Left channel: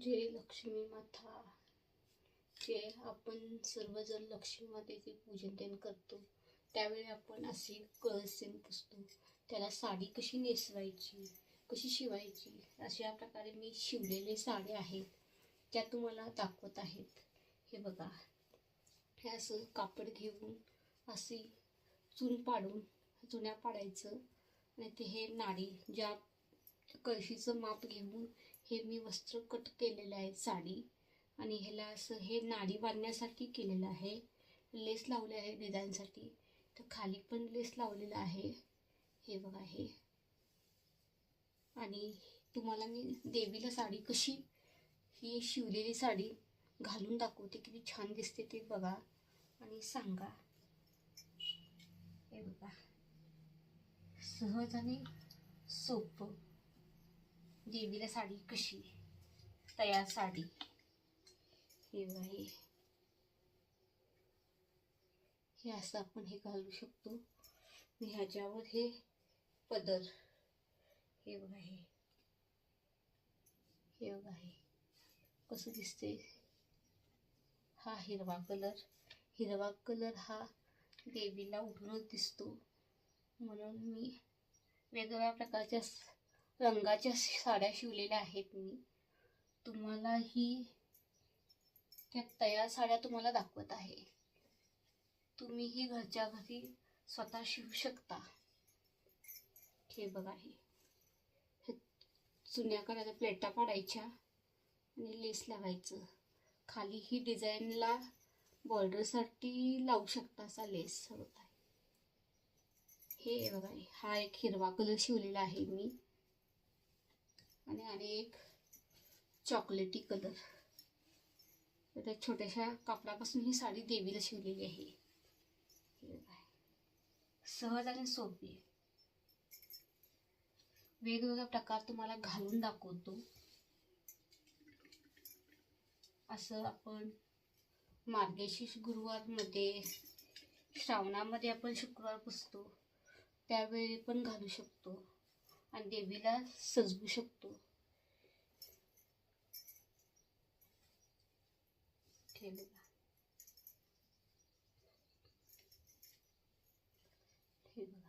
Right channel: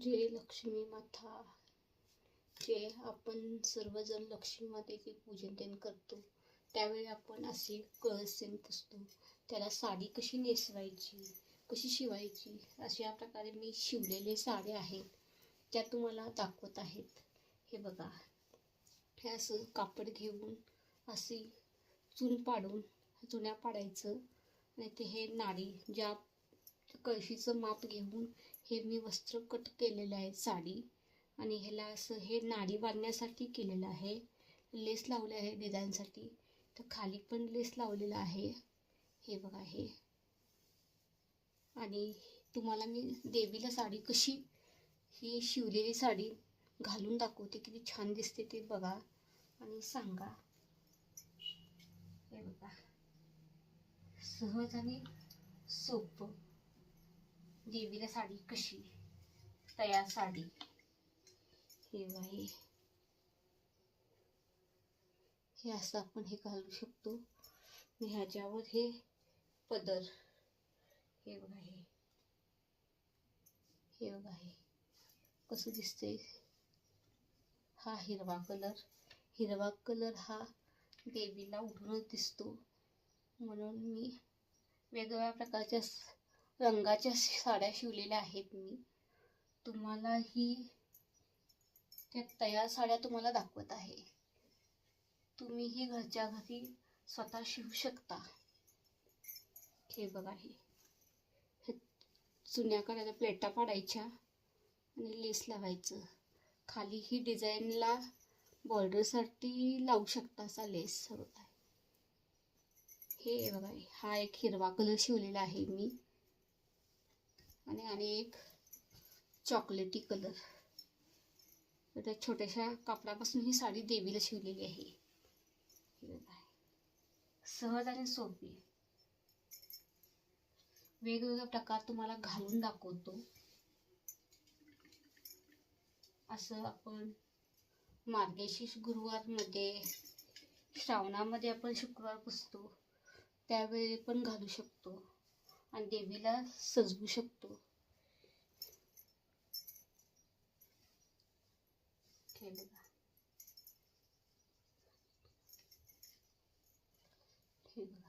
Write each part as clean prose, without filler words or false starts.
जय लक्ष्मी माता. जे आपण सर्वजण लक्ष्मी मातेचे पूजन तेन करतो त्यावेळी आपण असे कळसेन पुसतो. त्याला साडी कशी नेसवायची, कशी शिवायची, अशा प्रकारे मी शिवलेले साड्या आहेत त्या तुम्हाला दाखवत आहेत. हे बघा, हे असं कापड घेऊन अशी चून पाडून चुन्या पाडायचं आणि ते हे नाडी ज्या कळशीचं माप घेऊन हे मी वस्त्र कट केलेलं आहे साडी. आणि ह्याला असं हे नाडी बांधण्यासाठी केलेलं आहे. लेस लावले आहे डिझाईनसाठी. तर खाली पण लेस लावलेला आहे. हे बघा हे. आणि तुम्हाला मी देवीला साडी कशी ही शिवलेली साडी घालून दाखवते, किती छान दिसते ते बघा आणि सांगा. हे बघा, सहज आणि सोपं देवीला साडी कशी तयार साडी. हे बाई, हे असं आपण हे घालू शकतो. मी ह्याच्यावर हे पदर, हे बघा हे बघा हे कसं दिसते. हा हिरवा कलर हा देवीला उठूनच दिसतो, म्हणून मी वेगवेगळ्या प्रकारच्या रंगाच्या साड्या शिवलेल्या आहेत. मी तुम्हाला ही त्या तयार साड्या तुम्हाला दाखवत आहे. तुम्ही ही घरच्या घरी स्वतः शिवू शकता. हे बघा, हे चुन्या काढायच्या, प्लेटा पाडायच्या आणि लेस लावायचं. खाली ही डिझाईनला बॉर्डरसाठी लावू शकता असा लेस होता. हे बघा, हा एक हिरवा कलर शिवलेला आहे मी आणि एक चॉकलेटी कलर. त्या छोट्याशा कापडापासून ही साडी देवीला शिवलेली आहे. सहज आणि सोपी वेगवेगळ्या प्रकार तुम्हाला घालून दाखवतो. असं आपण मार्गशीर्ष गुरुवारमध्ये, श्रावणामध्ये आपण शुक्रवार पुजतो त्यावेळी पण घालू शकतो आणि देवीला सजवू शकतो. हे बघा, हे बघा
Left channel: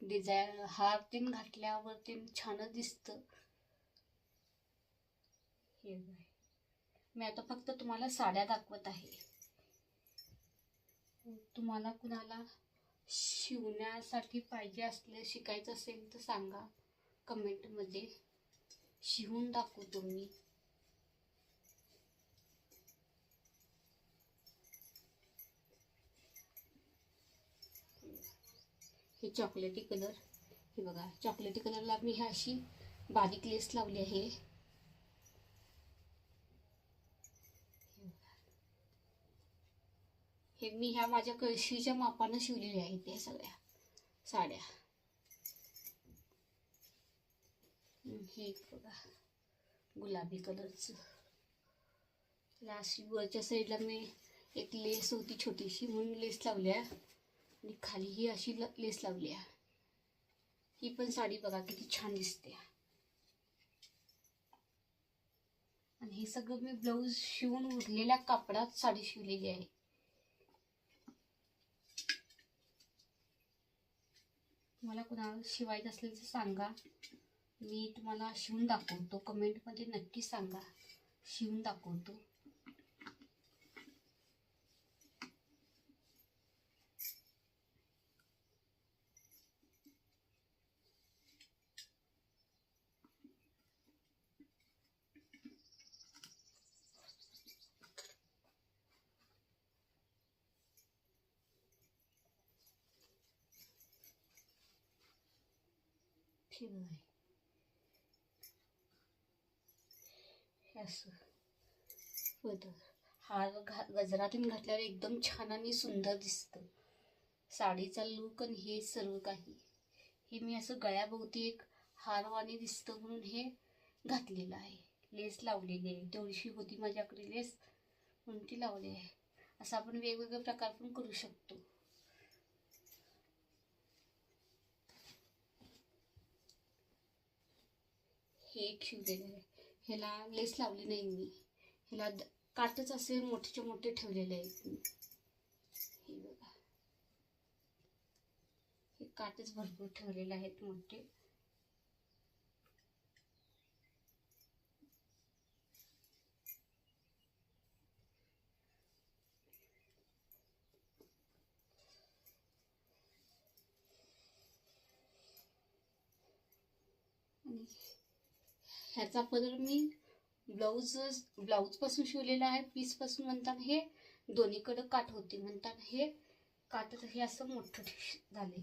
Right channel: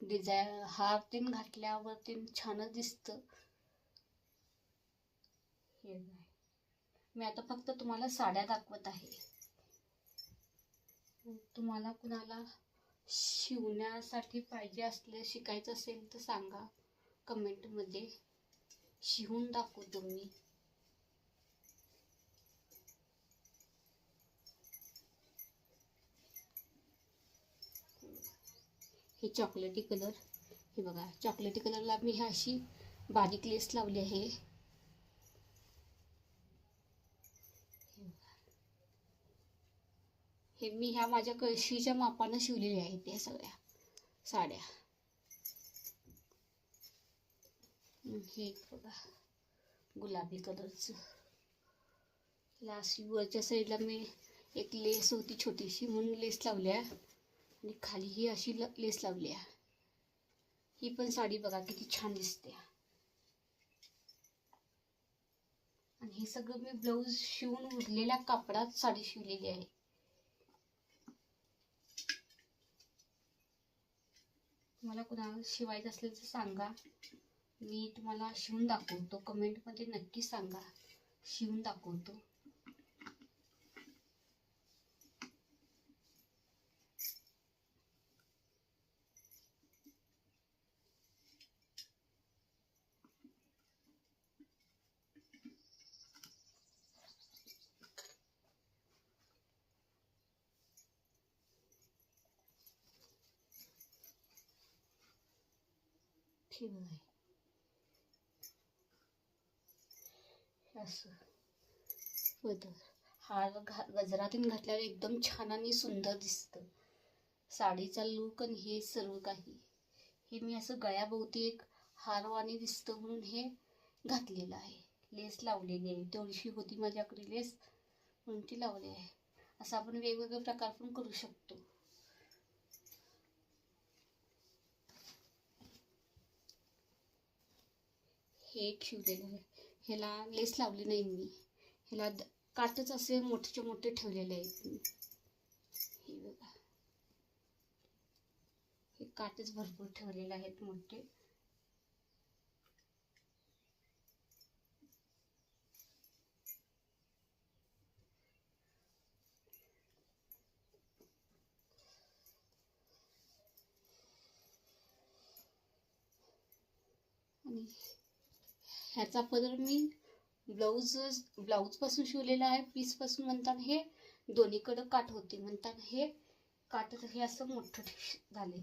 डिझाईन हार तीन घातल्यावर तीन छानच दिसतं. हे बघा, मी आता फक्त तुम्हाला साड्या दाखवत आहे. तुम्हाला कुणाला शिवण्यासाठी पाहिजे असले, शिकायचं असेल तर सांगा कमेंटमध्ये, शिवून दाखवतो मी. हे चॉकलेटी कलर, हे बघा चॉकलेटी कलरला मी ही अशी बारीक लेस लावली आहे. हे मी ह्या माझ्या कळशीच्या मापानं शिवलेल्या आहेत ह्या सगळ्या साड्या. हे बघा गुलाबी कलरचं. लास्ट वरच्या साईडला मी एक लेस होती छोटीशी म्हणून लेस लावल्या आणि खाली ही अशी लेस लावली आहे. ही पण साडी बघा किती छान दिसते. आणि हे सगळं मी ब्लाऊज शिवून उरलेल्या कापडात साडी शिवलेली आहे. तुम्हाला कुणाला शिवायचं असेल तर सांगा, मी तुम्हाला शिवून दाखवतो. कमेंटमध्ये नक्की सांगा, शिवून दाखवतो. ठीक आहे, असं होतं. हार गजरातून घातल्यावर एकदम छान आणि सुंदर दिसतं. साडीचा लूक आणि हे सर्व काही हे मी असं गळ्याभोवती एक हारवाणी दिसतं म्हणून हे घातलेलं आहे. लेस लावलेली आहे, तेवढीशी होती माझ्याकडे लेस म्हणून ती लावली आहे. असं आपण वेगवेगळे प्रकार पण करू शकतो. हे एक शिवलेलं आहे. ह्याला लेस लावली नाही मी, ह्याला काटच असे मोठे मोठे ठेवलेले आहेत मी. हे बघा, हे काटच भरपूर ठेवलेले आहेत मोठे. आणि ह्याचा पदर मी ब्लाऊज पासून शिवलेला आहे. पीस पासून म्हणतात हे दोन्हीकडे काठ होते म्हणतात, हे काठ हे असं मोठं झाले.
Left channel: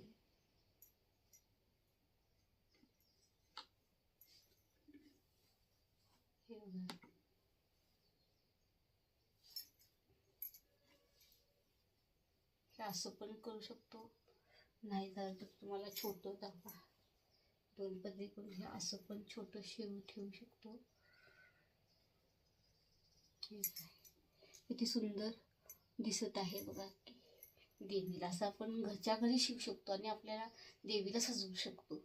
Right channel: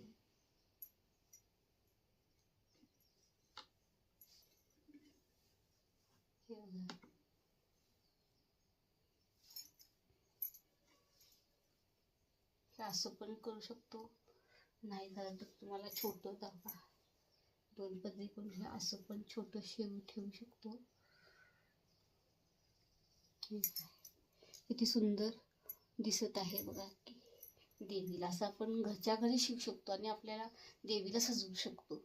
हे असं पण करू शकतो, नाही झालं तर तुम्हाला छोटं दाबा दोन पदरी पण हे असं पण छोटं शेव ठेवू शकतो. किती सुंदर दिसत आहे बघा की. देवीला असं आपण घरच्या घरी शिवू शकतो आणि आपल्याला देवीला सजवू शकतो.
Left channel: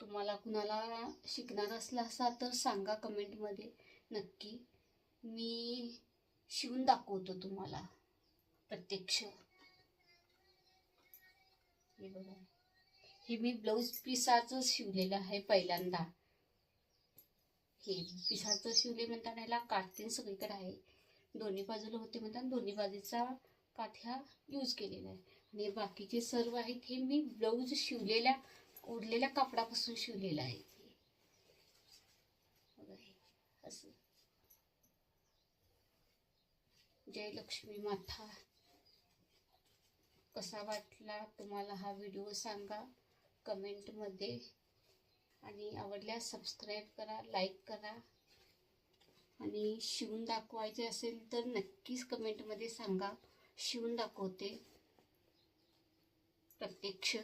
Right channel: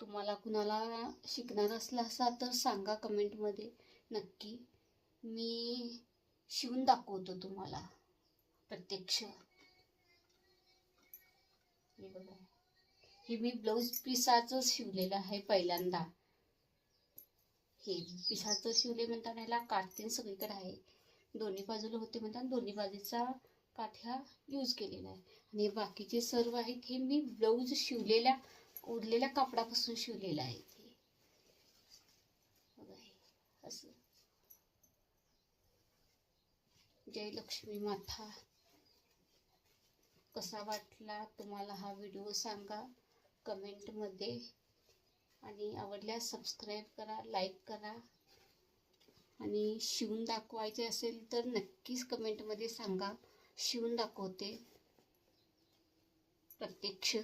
तुम्हाला कुणाला शिकणार असला असा तर सांगा कमेंटमध्ये, नक्की मी शिवून दाखवतो तुम्हाला प्रत्यक्ष. हे बघा, हे मी ब्लाऊज पिसाचं शिवलेलं आहे पहिल्यांदा. हे पिसाचं शिवले म्हणतात, ह्याला काठ सगळीकडे आहे, दोन्ही बाजूला होते म्हणतात, दोन्ही बाजूचा काठ ह्या यूज केलेला आहे. आणि बाकीचे सर्व आहेत हे मी ब्लाऊज शिवलेल्या उरलेल्या कापडापासून शिवलेलं आहे. असं. जय लक्ष्मी माता. कसा वाटला तुम्हाला हा व्हिडिओ सांगा कमेंटमध्ये, आणि आवडल्यास सबस्क्राईब करा, लाईक करा, आणि शिवून दाखवायचे असेल तर नक्कीच कमेंटमध्ये सांगा, शिवून दाखवते प्रत्यक्ष.